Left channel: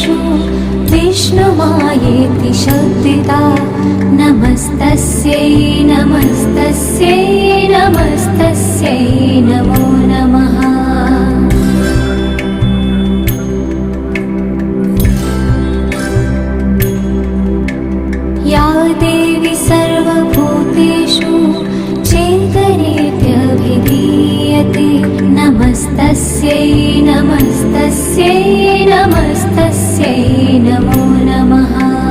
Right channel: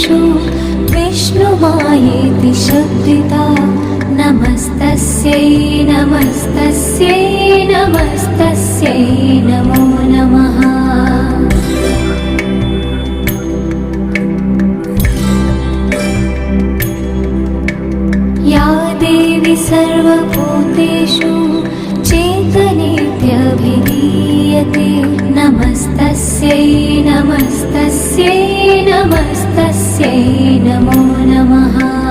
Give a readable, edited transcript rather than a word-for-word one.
भूतेषु विष्णुमायेति शब्दिता नमस्तस्यै नमस्तस्यै नमस्तस्यै नमो नमः। या देवी सर्वभूतेषु चेतनेत्यभिधीयते नमस्तस्यै नमस्तस्यै नमस्तस्यै नमो नमः।